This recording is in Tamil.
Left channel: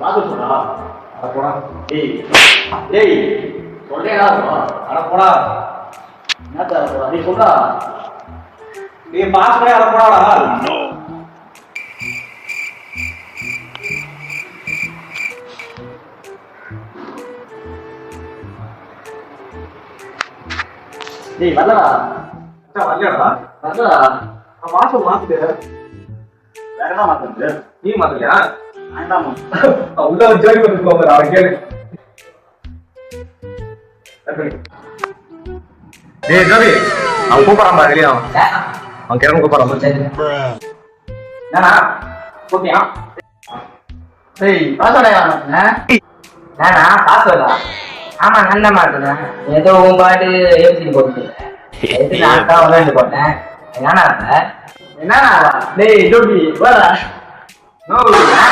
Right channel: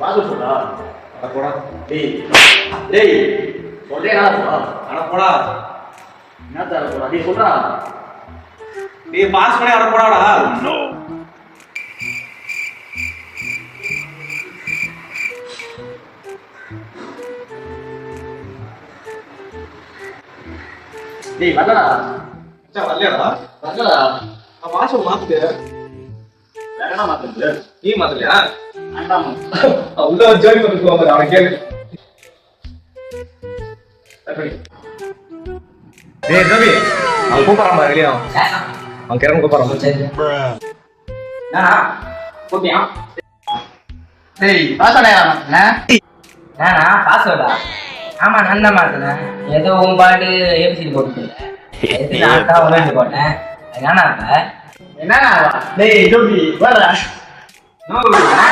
பாத்து சொன்னா அட போடா. டேய் டேய் சொல்லேடா அட போடா. என்னடா சொல்றா நீ சொல்றா டேய் பாஸ் பண்ணி அட போடாடா. டேய் வரலடா மச்சான் வரலையாடா? வரலடா நான் மாசம் மாத்திட்டு. வேறடா மாத்துறது நீ மாத்தலையா? வேண்டாம் உள்ள வந்து ஜோடி வந்து போற அட கேளு. டேய் ரவி, அவன் கூப்பிடுறான் பாரு வெளிய அவன். அவன் கிளம்ப கூப்பிடுறான். நானா ஓகேயா டேய் பாஸ்வேர்டா மாத்துனே நானா பாஸ்வேர்டா? ஆமா நான் தான் மாத்தினேன். ஏதோ உன் பாட்டு ஏபிசி போட்டு நான் தான் விளையாண்டு போட்டேன். என்னடா என்னடா டேய் ஜோகி வரடா நானா